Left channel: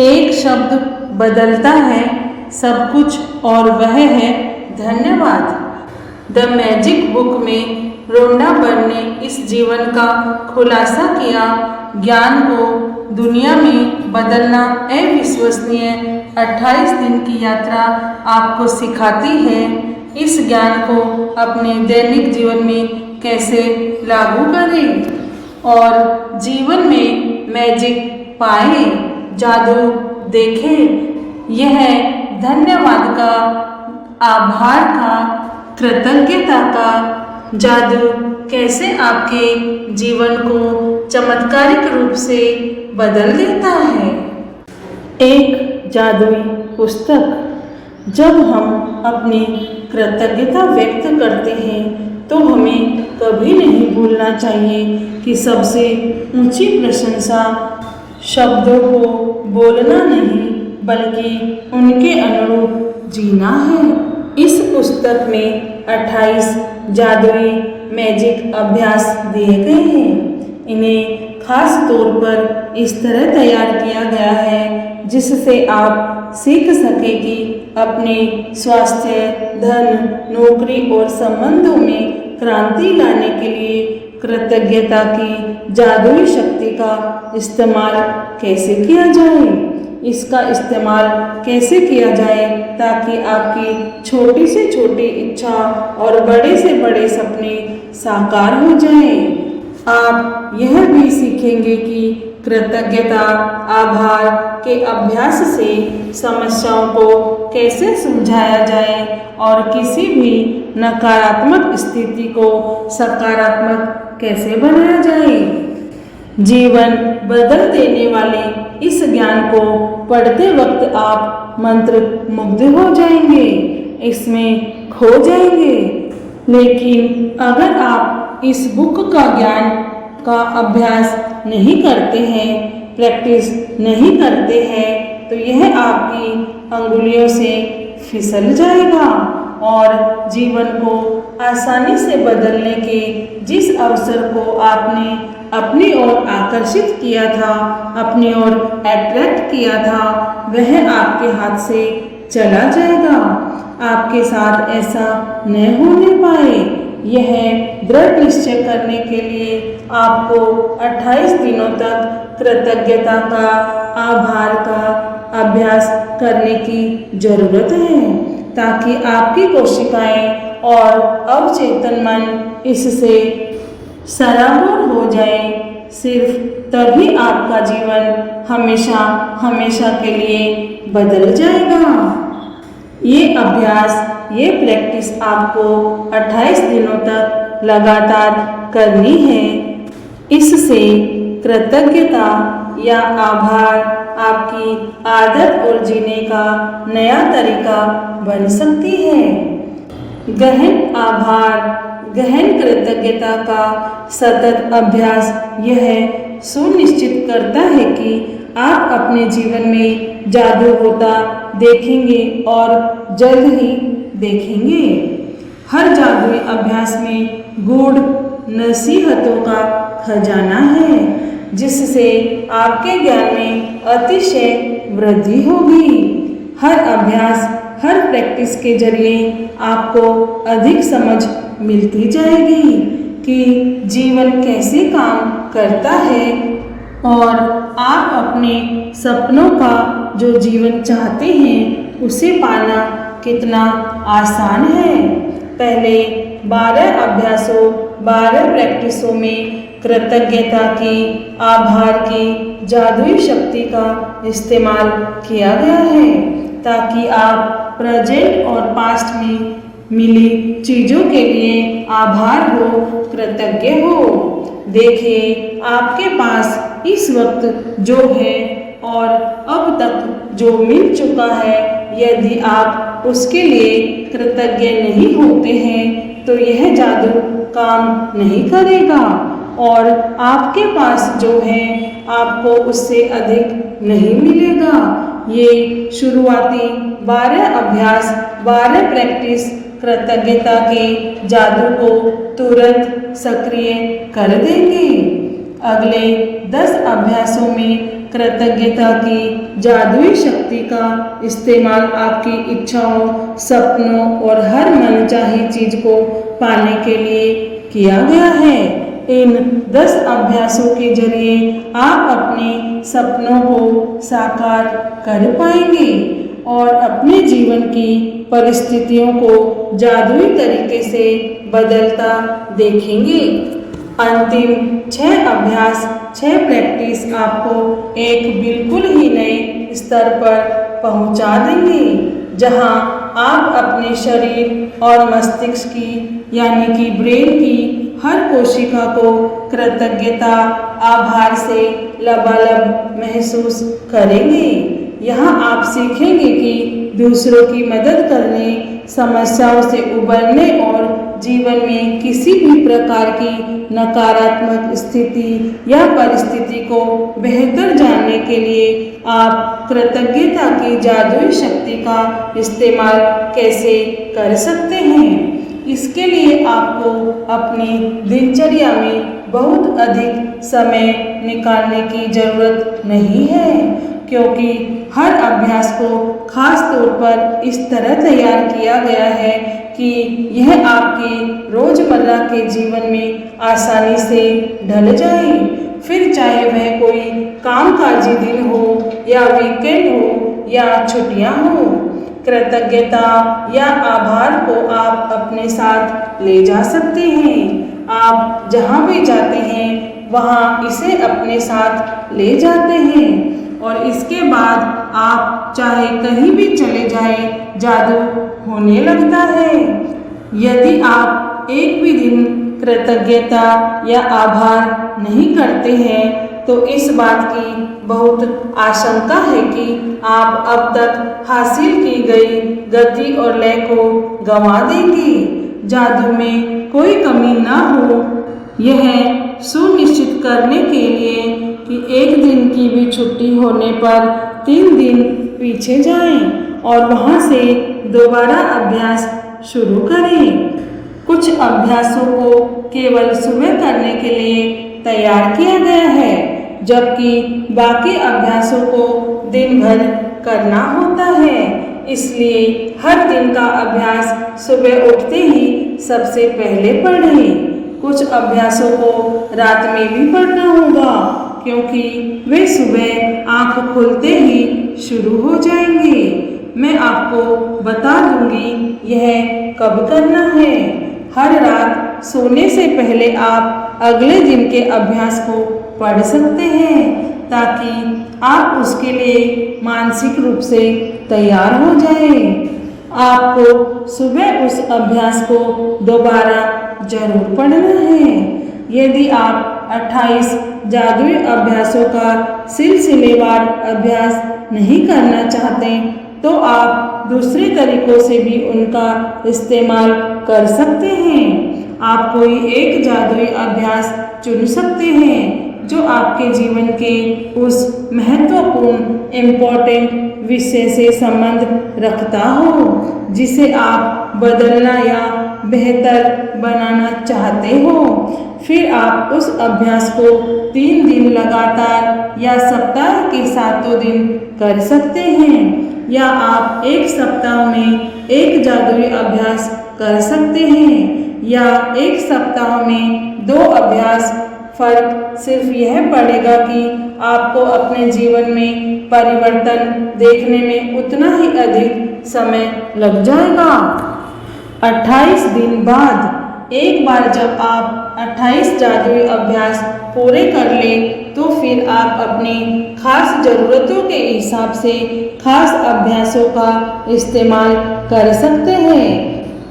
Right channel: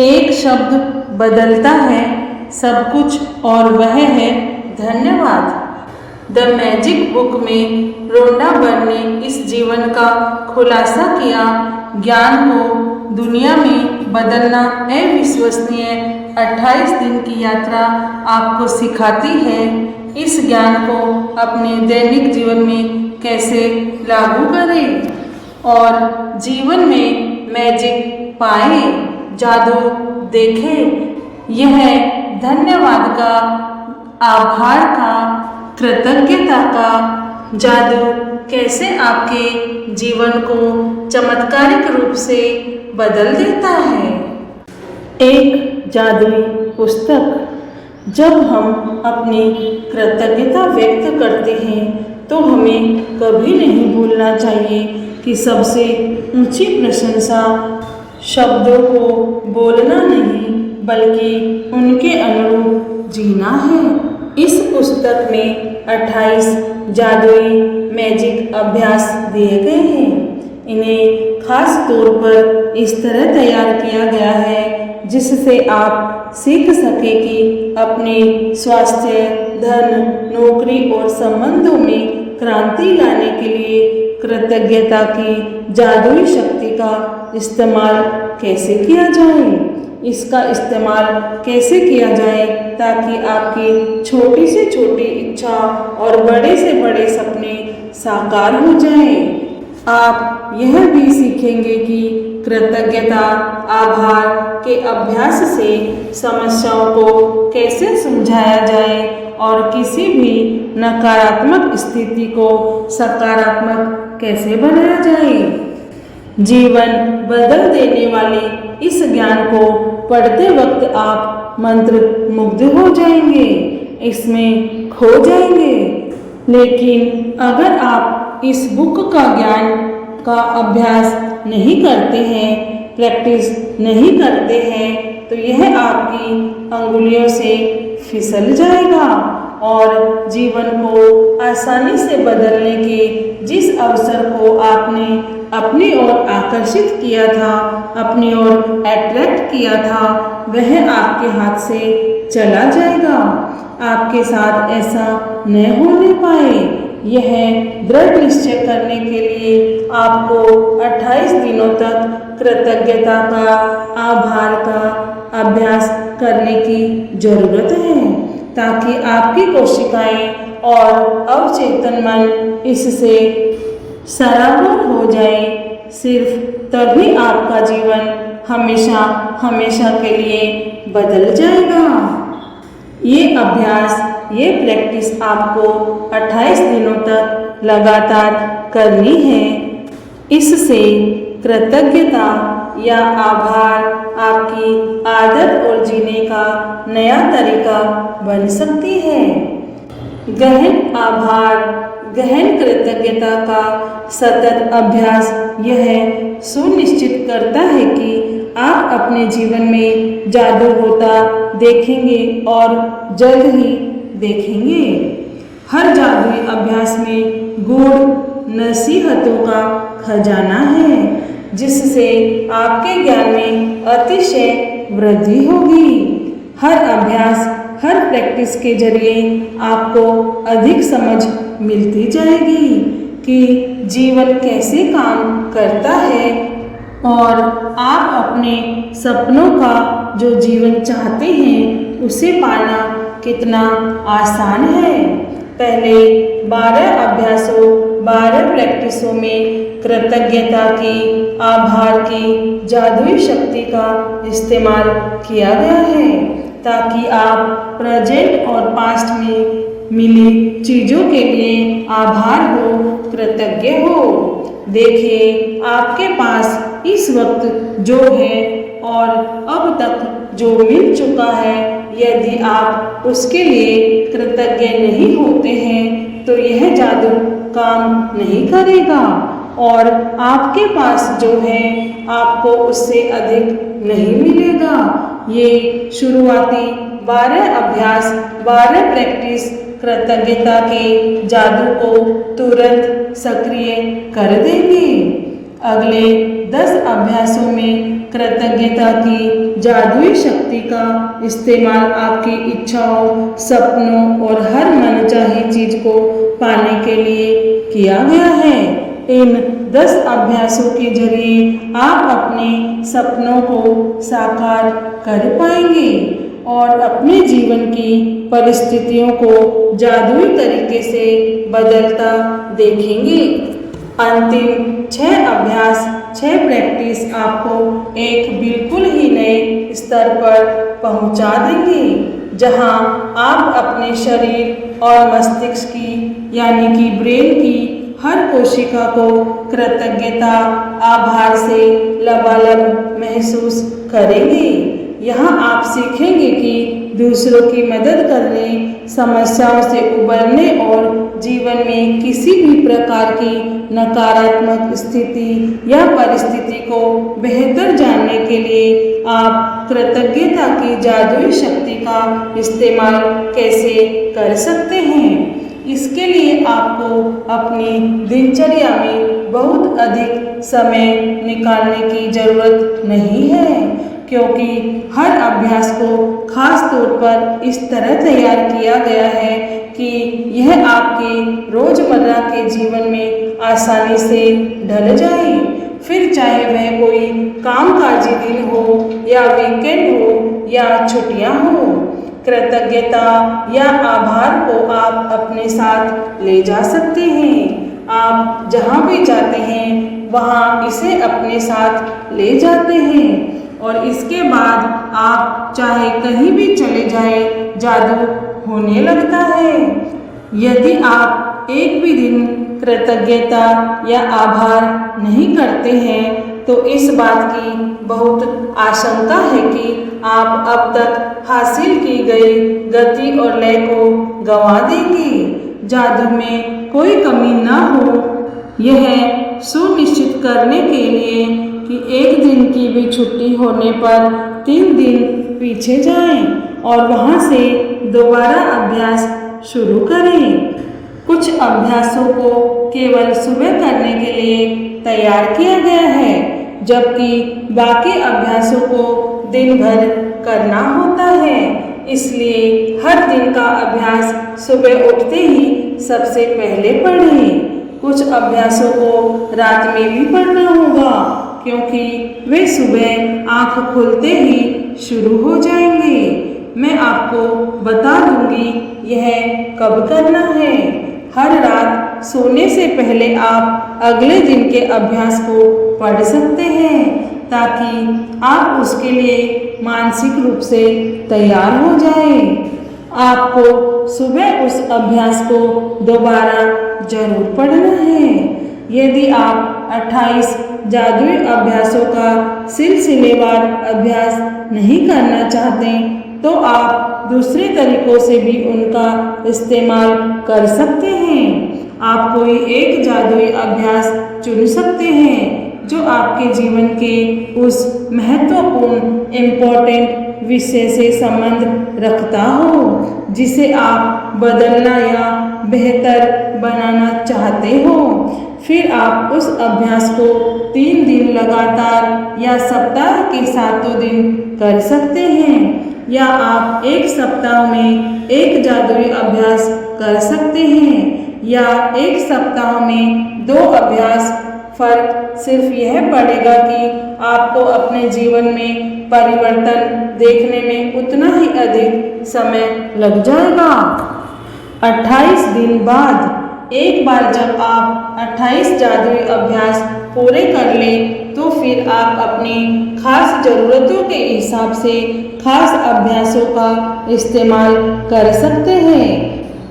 एक शब्द बदलता है सब कुछ और वह है धन्यवाद। द मैजिक बुक में रोंडा बर ने इस जीवन का खुलासा किया। ज्ञान को दुनिया में बदलना अविश्वसनीय 28 दिन की यात्रा आपको सिखाती है। इस ज्ञान को अपने दैनिक जीवन में कैसे लागू करें और जीवन में मैजिक पाएं, जादू देखें। यह धन्यवाद का, आभार का, कृतज्ञता का जादू कैसे आपके जीवन को चमत्कारिक रूप से बदल देता है। एक जादुई पुस्तक। जब हम अपनी कृतज्ञता व्यक्त करते हैं तो हमें कभी नहीं भूलना चाहिए कि सबसे ऊंची प्रशंसा शब्दों को बोलना नहीं बल्कि उनके अनुरूप जीना है। इस पुस्तक में 28 जादुई मैजिक अभ्यास दिए गए हैं। इन्हें खास तौर पर इस तरह तैयार किया गया है जिससे आप सीख सके कि अपने स्वास्थ्य, धन, नौकरी और संबंधों में क्रांति लाने के लिए कृतज्ञता की जादुई शक्ति का इस्तेमाल कैसे किया जाए। इसका इस्तेमाल कैसे किया जाए ताकि आपकी छोटी से छोटी इच्छा और बड़े से बड़े सपने साकार हो जाएं। आप यह भी सीखेंगे कि कृतज्ञता, आभार के अभ्यास से समस्याओं को कैसे सुलझाया जाए और किसी भी नकारात्मक स्थिति को सकारात्मक कैसे बनाया जाए। जीवन बदल देने वाले इस ज्ञान को पढ़ते वक्त आप मंत्र मुग्ध हो जाएंगे, इसमें खो जाएंगे। लेकिन अगर आप इस बुक का ज्ञान का अभ्यास नहीं करते हैं, प्रैक्टिस नहीं करते हैं तो यह आपकी अंगुलियों से फिसल जाएगा और जीवन को आसानी से बदलने के जिस अवसर को आपने अपनी ओर आकर्षित किया था, अपनी ओर अट्रैक्ट किया था, वह आपके हाथ से चला जाएगा। आपके साथ ऐसा न होने पाए, यह दृढ़ निश्चय करने के लिए आपको 28 दिनों तक कृतज्ञता का, आभार का अभ्यास करने की जरूरत है ताकि आपकी कोशिकाएं और अवचेतन मन इससे सराबोर हो जाए। सिर्फ तभी आपका जीवन हमेशा हमेशा के लिए बदल जाएगा। ये अभ्यास, ये प्रैक्टिस आपको 28 दिनों तक लगातार करनी है। इससे कृतज्ञता या आभार आपकी आदत और जीने का नया तरीका बन सकती है। गहन आभार, गहन कृतज्ञता का सतत अभ्यास यह सुनिश्चित करता है कि आप अपने जीवन में जादू होता देखेंगे और जल्द ही देखेंगे। हर जादुई अभ्यास में गूढ़ नसीहतों का खजाना है जिससे आपके ज्ञान में अतिशय वृद्धि होगी। हर अभ्यास, हर प्रैक्टिस के जरिए आपको अधिक समझ मिलती जाएगी कि जीवन कैसे काम करता है और आप अपने सपनों का जो जीवन चाहते हैं उसे पाना कितना आसान है। पहले 12 अभ्यासों, 12 प्रैक्टिसों में कृतज्ञता की, आभार की जादुई शक्ति का इस्तेमाल किया गया है ताकि आप प्रेजेंट और पास्ट में मिली चीज़ों के लिए आभार हो, कृतज्ञ हो। देखिए आपके पास इस वक्त जो है और अब तक जो मिल चुका है, यदि आप उसके लिए कृतज्ञ नहीं होते हैं तो यह जादू काम नहीं करेगा और आपके पास जो है आपको उससे अधिक नहीं मिलेगा। ये शुरुआती 12 अभ्यास, 12 प्रैक्टिस कृतज्ञता के जादू को तुरंत सक्रिय कर देंगे। अगले 10 अभ्यासों में कृतज्ञता की जादुई शक्ति का इस्तेमाल आपकी इच्छाओं, सपनों और हर मनचाही चीज को पाने के लिए किया गया है। इन 10 अभ्यासों के जरिए आप अपने सपनों को साकार कर पाएंगे और अपने जीवन की परिस्थितियों को जादुई तरीके से बदलता देखेंगे। अंतिम 6 अभ्यास, 6 प्रैक्टिस आपको एक बिल्कुल ही नए स्तर पर पहुंचा देंगे, जहां आप अपने शरीर और मस्तिष्क की यानी कि ब्रेन की हर कोशिका को कृतज्ञता, आभार से लबालब महसूस करेंगे। यहाँ आप सीखेंगे कि दूसरों की मदद करने, समस्याओं से उबरने और जीवन में किसी भी प्रकार की नकारात्मक स्थिति या परिस्थिति को बेहतर जानने के लिए आप कृतज्ञता की जादुई शक्ति का इस्तेमाल कैसे कर सकते हैं। इसके लिए आपको अपनी दिनचर्या में बहुत अधिक समय निकालने की ज़रूरत नहीं है, क्योंकि हर अभ्यास को खास तौर पर इस तरह तैयार किया गया है कि यह आपके रोज़मर्रा के जीवन में आसानी से ढल जाए। फिर चाहे वह कोई कामकाजी दिन हो या वीकेंड हो या छुट्टियां हो, कृतज्ञता या आभार को आप अपने साथ ले जा सकते हैं। आप जहां भी जाते हैं वहां इसे अपने साथ ले जाते हैं और इसके बाद आप चाहे कहीं भी चले जाएं, जादू होने लगता है। यदि आप एक भी दिन कृतज्ञता या आभार नहीं करते हैं तो इस बात की बहुत आशंका है कि आप अब तक हासिल की गई गति और लय को गंवा देंगे। जादू में कोई कमी ना हो, यह सुनिश्चित करने के लिए कि एक दिन की भी छुट्टी होने पर 3 दिन पीछे जाएं और वहां से दोबारा अभ्यास शुरू करें। कुछ अभ्यासों को केवल सुबह करने के लिए तैयार किया गया है, जबकि बाकी अभ्यासों को दिन भर करना होता है। इसलिए हर दिन का अभ्यास सुबह उठते ही सबसे पहले पढ़ें। कुछ अभ्यासों को रात में भी पढ़ना होगा, क्योंकि वे सुबह आंख खुलते ही शुरू हो जाएंगे। मैं आपको बता दूंगी यह कब करना है। हर रात सोने से पहले आप अगले दिन के अभ्यास को पढ़ सकते हैं, ताकि आप उसके लिए मानसिक रूप से तैयार हो जाएं। आपको सुबह उस अभ्यास को दोबारा जरूर पढ़ना है। यदि आप 28 जादुई अभ्यासों का सिलसिलेवार अभ्यास नहीं करना चाहते तो आप दूसरे तरीकों से भी उनका इस्तेमाल कर सकते हैं। आप कोई एक जादुई अभ्यास चुन सकते हैं जो आपके जीवन के उस महत्वपूर्ण इम्पोर्टेंट विषय से संबंध रखता हो जिसे आप बदलना या बेहतर बनाना चाहते हो। फिर आप उस अभ्यास को 3 दिन लगातार या सप्ताह के 7 दिन कर सकते हैं, या आप एक सप्ताह में एक जादुई अभ्यास कर सकते हैं या एक सप्ताह में 2 अभ्यास। फर्क सिर्फ यह पड़ेगा कि आपको अपने जीवन में परिवर्तन देखने में उतना ही अधिक समय लग जाएगा। 28 दिन बाद एक बार जब आप 28 जादुई अभ्यास पूरे कर लें तो फिर आप अपनी खास ज़रूरतों के हिसाब से खास अभ्यासों का इस्तेमाल कर सकते हैं,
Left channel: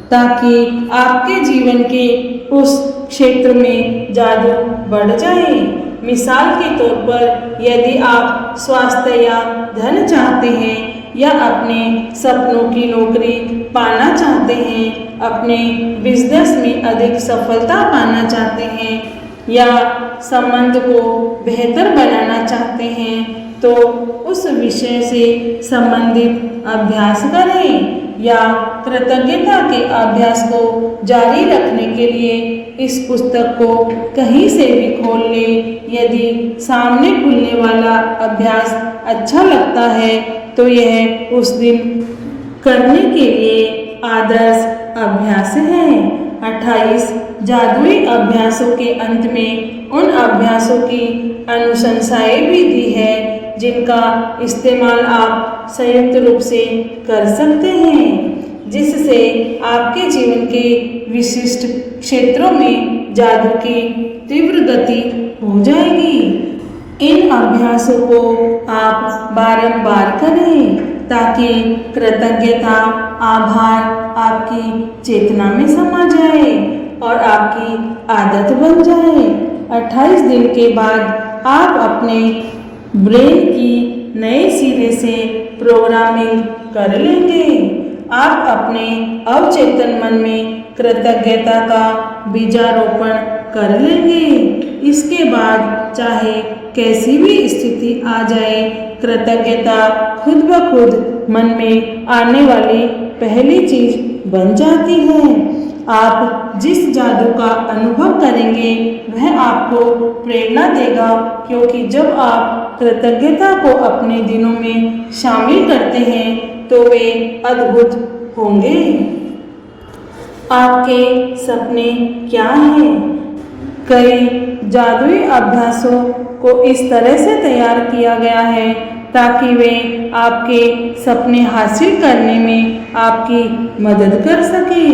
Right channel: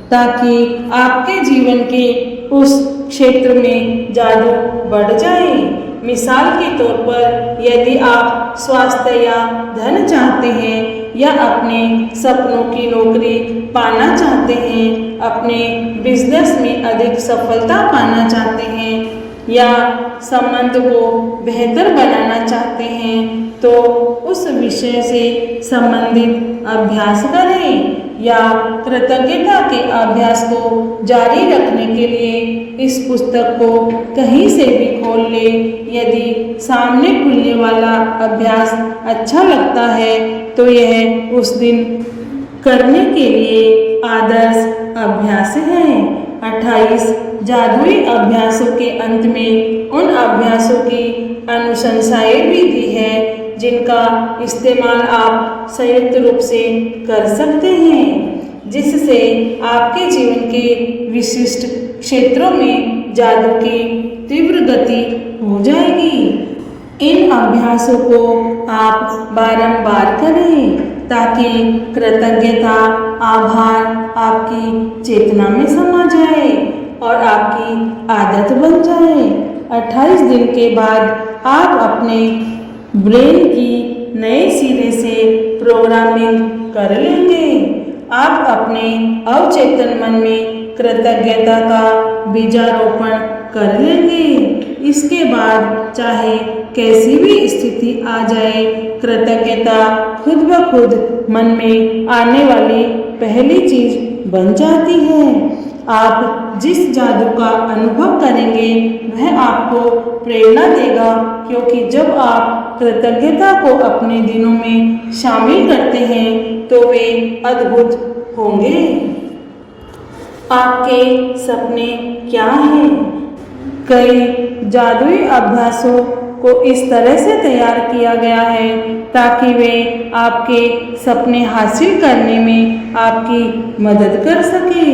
ताकि आपके जीवन के उस क्षेत्र में जादू बढ़ जाए। मिसाल के तौर पर यदि आप स्वास्थ्य या धन चाहते हैं या अपने सपनों की नौकरी पाना चाहते हैं, अपने बिजनेस में अधिक सफलता पाना चाहते हैं या संबंध को बेहतर बनाना चाहते हैं, तो उस विषय से संबंधित अभ्यास करें। या कृतज्ञता के अभ्यास को जारी रखने के लिए इस पुस्तक को कहीं से भी खोल ले। यदि सामने खुलने वाला अभ्यास अच्छा लगता है तो यह उस दिन करने के लिए आदर्श अभ्यास है। 28 जादुई अभ्यासों के अंत में उन अभ्यासों की अनुशंसाएं भी दी है जिनका इस्तेमाल आप संयुक्त रूप से कर सकते हैं, जिससे आपके जीवन के विशिष्ट क्षेत्रों में जादू की तीव्र गति हो जाएगी। इन अभ्यासों को आप बारंबार करें ताकि कृतज्ञता, आभार आपकी चेतना में समा जाए और आपकी आदत बन जाए। 28 दिन के बाद आप अपने ब्रेन की नए सिरे से प्रोग्रामिंग कर लेंगे। आप अपने अवचेतन मन में कृतज्ञता का बीजारोपण कर लेंगे। इसके बाद चाहे कैसी भी स्थिति आ जाए, कृतज्ञता खुद ब खुद मन में आने वाली पहली चीज बन जाती है। आप जिस जादू का अनुभव करेंगे वह आपको प्रेरणा देगा, क्योंकि जब आप कृतज्ञता को अपने दिनों में शामिल करते हैं तो वे अद्भुत होंगे। आपके सपने क्या हैं? कई जादुई अभ्यासों को इस तरह से तैयार किया गया है ताकि वे आपके सपने हासिल करने में आपकी मदद कर सके।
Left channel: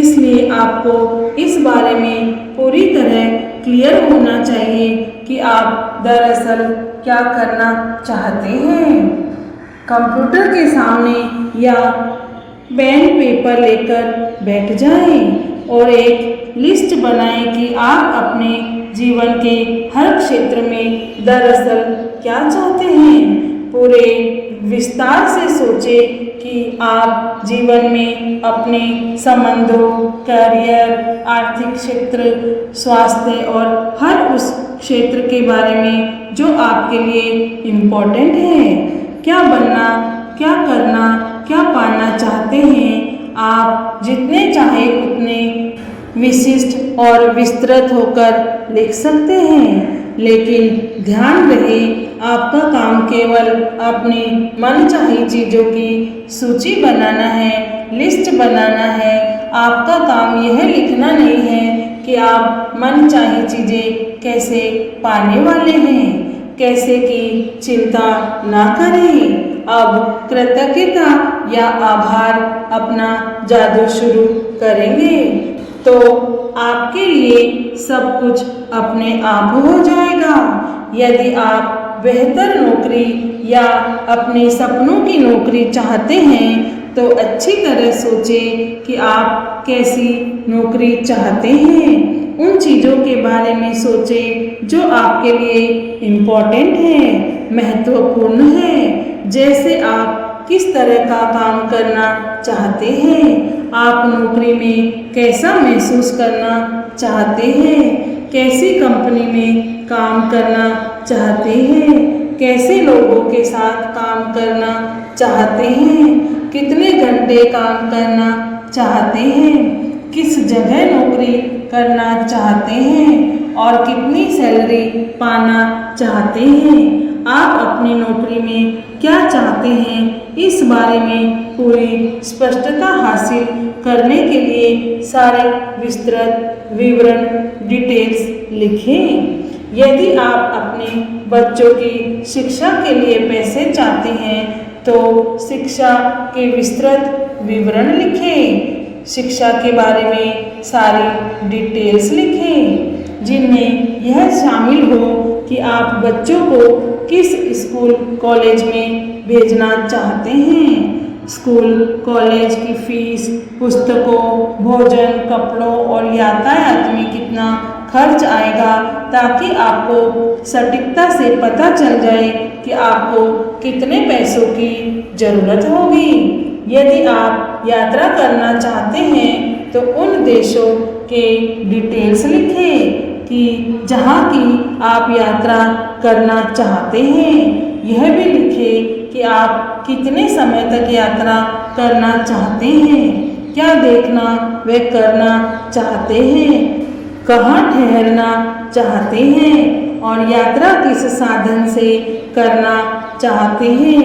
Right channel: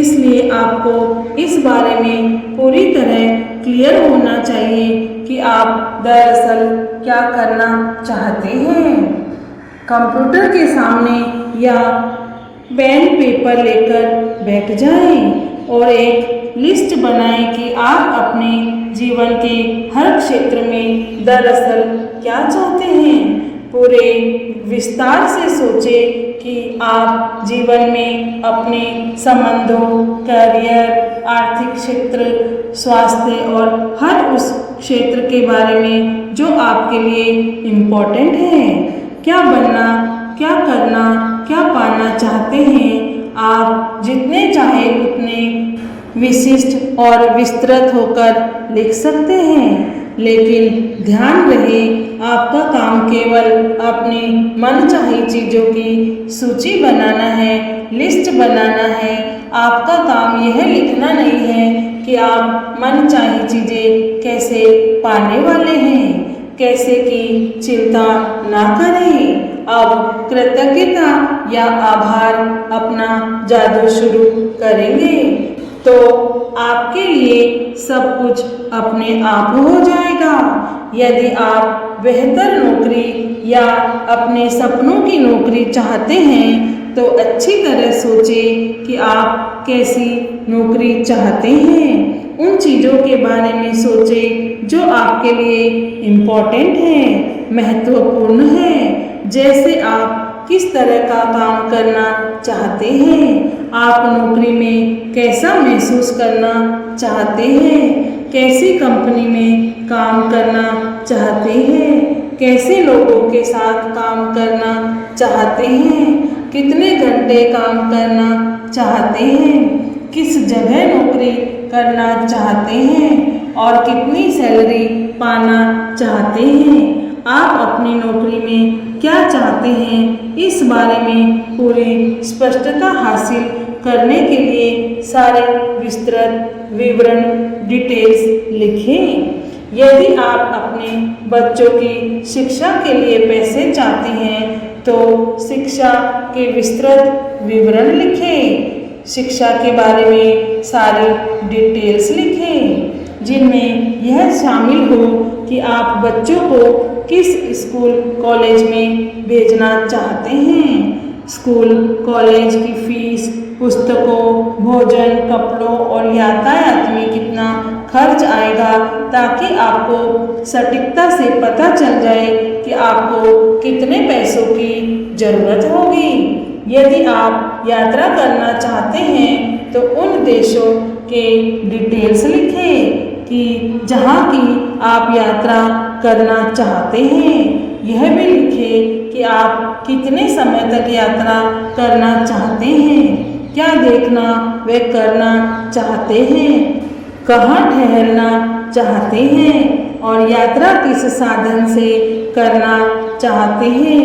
इसलिए आपको इस बारे में पूरी तरह क्लियर होना चाहिए कि आप दरअसल क्या करना चाहते हैं। कंप्यूटर के सामने या पेन पेपर लेकर बैठ जाएं और एक लिस्ट बनाएं कि आप अपने जीवन के हर क्षेत्र में दरअसल क्या चाहते हैं। पूरे विस्तार से सोचें कि आप जीवन में अपने संबंधों, करियर, आर्थिक क्षेत्र, स्वास्थ्य और हर उस क्षेत्र के बारे में जो आपके लिए इम्पोर्टेंट है। क्या बनना, क्या करना, क्या पाना चाहते हैं। आप जितने चाहे उतने विशिष्ट और विस्तृत होकर लिख सकते हैं, लेकिन ध्यान रहे आपका काम केवल अपनी मनचाही चीज़ों की सूची बनाना है, लिस्ट बनाना है। आपका काम यह लिखना नहीं है कि आप मनचाही चीज़ें कैसे पाने वाले हैं। कैसे की चिंता ना करें। अब कृतज्ञता या आभार अपना जादू शुरू करेंगे तो आपके लिए सब कुछ अपने आप हो जाएगा। यदि आप बेहतर नौकरी या अपने सपनों की नौकरी चाहते हैं तो अच्छी तरह सोचें कि आप कैसी नौकरी चाहते हैं। उन चीज़ों के बारे में सोचें जो आपके लिए इम्पोर्टेंट है, महत्वपूर्ण है। जैसे आप किस तरह का काम करना चाहते हैं, आप नौकरी में कैसा महसूस करना चाहते हैं, कैसी कंपनी में काम करना चाहते हैं, कैसे लोगों के साथ काम करना चाहते हैं, कितने घंटे काम करना चाहते हैं, किस जगह नौकरी करना चाहते हैं और कितनी सैलरी पाना चाहते हैं। आप अपनी नौकरी में क्या चाहते हैं, इस बारे में पूरी स्पष्टता हासिल करने के लिए सारे विस्तृत विवरण डिटेल्स लिखें। यदि आप अपने बच्चों की शिक्षा के लिए पैसे चाहते हैं तो शिक्षा के विस्तृत विवरण लिखें। शिक्षा के बारे में सारी डिटेल्स लिखें जिनमें यह शामिल हो कि आप बच्चों को किस स्कूल कॉलेज में भेजना चाहते हैं। स्कूल कॉलेज की फीस, पुस्तकों, भोजन, कपड़ों और यातायात में कितना खर्च आएगा, ताकि आपको सटीकता से पता चल जाए कि आपको कितने पैसों की ज़रूरत होगी। यदि आप यात्रा करना चाहते हैं तो उन देशों के डिटेल्स लिखें कि जहाँ की आप यात्रा करना चाहते हैं। यह भी लिखें कि आप कितने समय तक यात्रा करना चाहते हैं, क्या देखना व करना चाहते हैं, कहाँ ठहरना चाहते हैं और यात्रा किस साधन से करना चाहते हैं।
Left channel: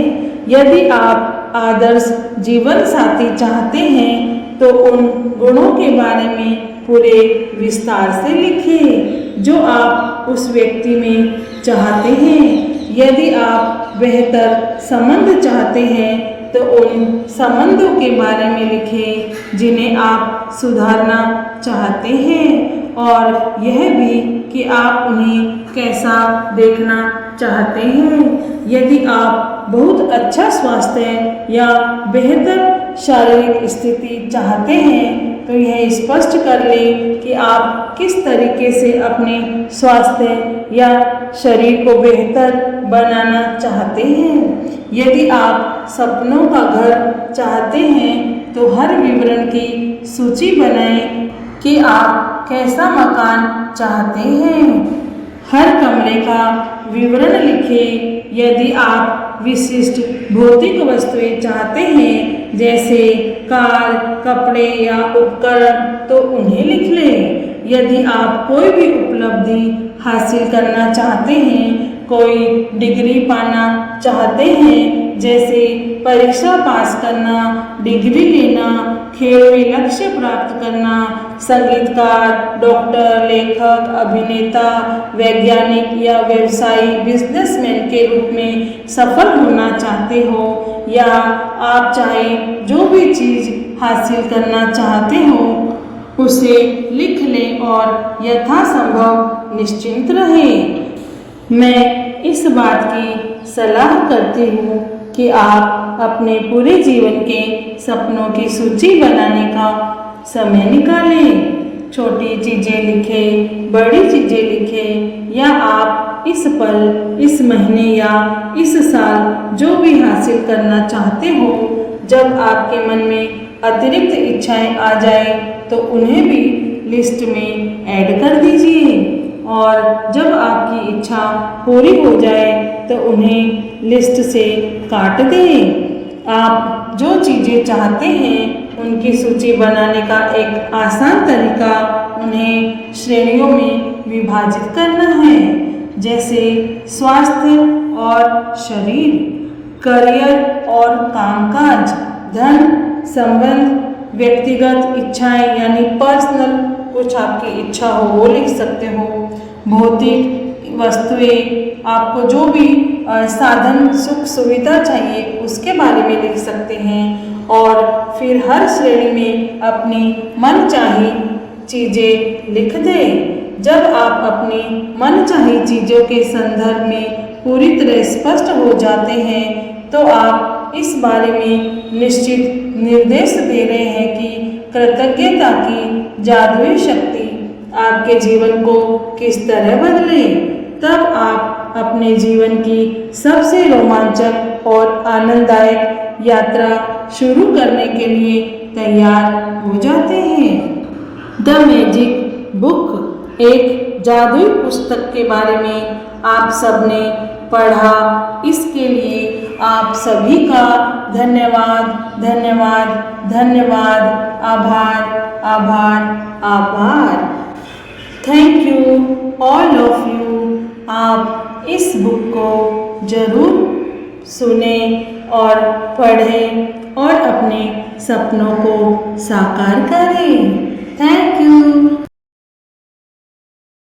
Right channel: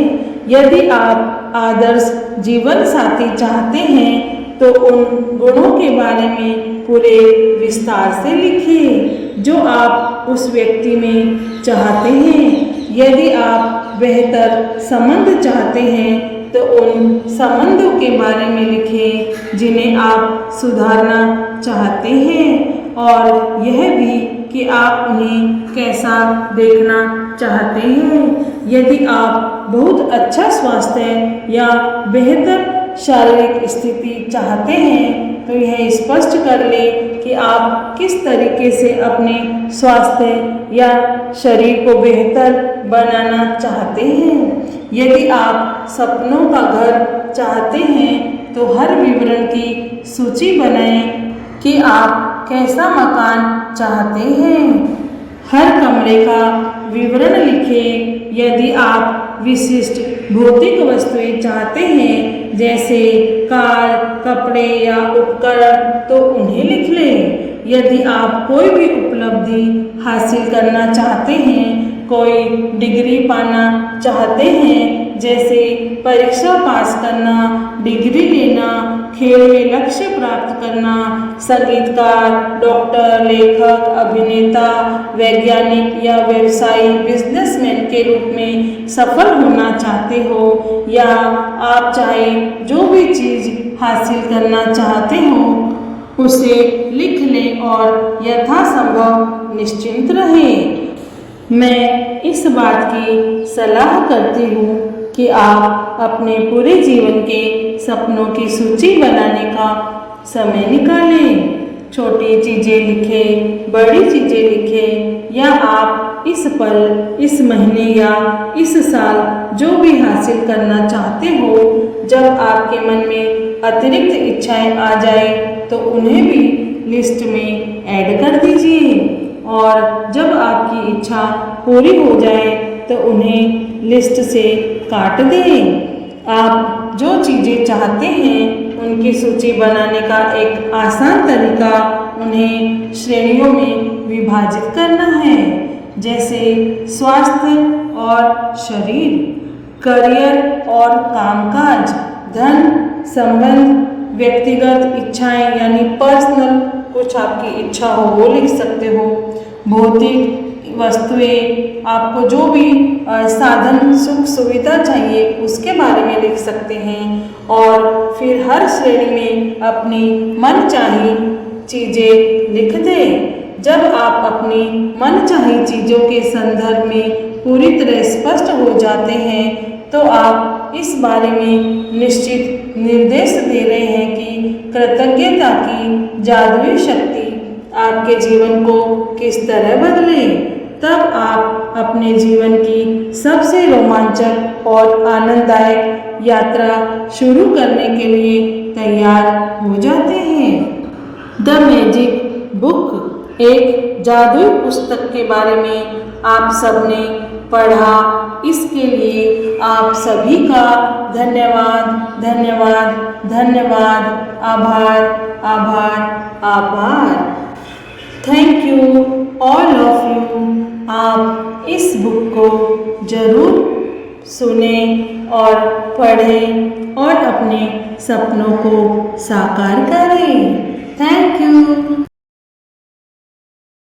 यदि आप आदर्श जीवन साथी चाहते हैं तो उन गुणों के बारे में पूरे विस्तार से लिखें जो आप उस व्यक्ति में चाहते हैं। यदि आप बेहतर संबंध चाहते हैं तो उन संबंधों के बारे में लिखें जिन्हें आप सुधारना चाहते हैं और यह भी कि आप उन्हें कैसा देखना चाहते हैं। यदि आप बहुत अच्छा स्वास्थ्य या बेहतर शारीरिक स्थिति चाहते हैं तो यह स्पष्ट कर लें कि आप किस तरीके से अपने स्वास्थ्य या शरीर को बेहतर बनाना चाहते हैं। यदि आप सपनों का घर चाहते हैं तो हर विवरण की सूची बनाएं कि आप कैसा मकान चाहते हैं। हर कमरे का विवरण लिखें। यदि आप विशिष्ट भौतिक वस्तुएं चाहते हैं जैसे कार, कपड़े या उपकरण तो उन्हें लिख लें। यदि आप कोई भी उपलब्धि हासिल करना चाहते हैं, कोई डिग्री पाना चाहते हैं जैसे परीक्षा पास करना, डिग्री लेना, खेल में लक्ष्य प्राप्त करना, संगीतकार, डॉक्टर, लेखक, अभिनेता, वैज्ञानिक या व्यवसायी बिजनेसमैन के रूप में सफल होना चाहते हो या आप चाहे जो भी चीज़ हासिल करना चाहते हो उसे लिख लें और यथासंभव निश्चिंत रहें। मैं इस बात की सलाह करती हूँ कि आप अपने पूरे जीवन के सपनों की सूची बनाने का समय निकालें। छोटी चीज़ें लिखें, बड़ी चीज़ें लिखें या आप इस पल, इस महीने या इस साल जो भी हासिल करना चाहते हो, जब आपके मन में अतिरिक्त इच्छाएं आ जाए तो उन्हें भी लिस्ट में ऐड कर दीजिए और जब आपकी इच्छा पूरी हो जाए तो उन्हें लिस्ट से काट दें। आप जो चीज़ें चाहते हैं उनकी सूची बनाने का एक आसान तरीका उन्हें श्रेणियों में विभाजित करना है, जैसे स्वास्थ्य और शरीर, करियर और कामकाज, धन, संबंध, व्यक्तिगत इच्छाएं यानी पर्सनल, कुछ आपकी इच्छा हो वो लिख सकते हो, भौतिक वस्तुएं, आपको जो भी साधन सुख सुविधा चाहिए उसके बारे में लिख सकते हैं और फिर हर श्रेणी में अपनी मनचाही चीज़ें लिख दें। जब आप अपनी मनचाही चीज़ों के संदर्भ में पूरी तरह स्पष्ट हो जाते हैं तो आप इस बारे में निश्चित निर्देश दे रहे हैं कि कृतज्ञता की जादुई शक्ति आपके जीवन को किस तरह बदले। तब आप अपने जीवन की सबसे रोमांचक और आनंददायक यात्रा शुरू करने के लिए तैयार हो जाते हैं। द मैजिक बुक एक जादुई पुस्तक के बारे में आप सबने पढ़ा, इसके लिए आप सभी का धन्यवाद, धन्यवाद, धन्यवाद, आभार, आभार, आभार। Thank you all of you. आप इस बुक को ज़रूर सुने और पढ़ें और अपने सपनों को साकार करें। Thank you.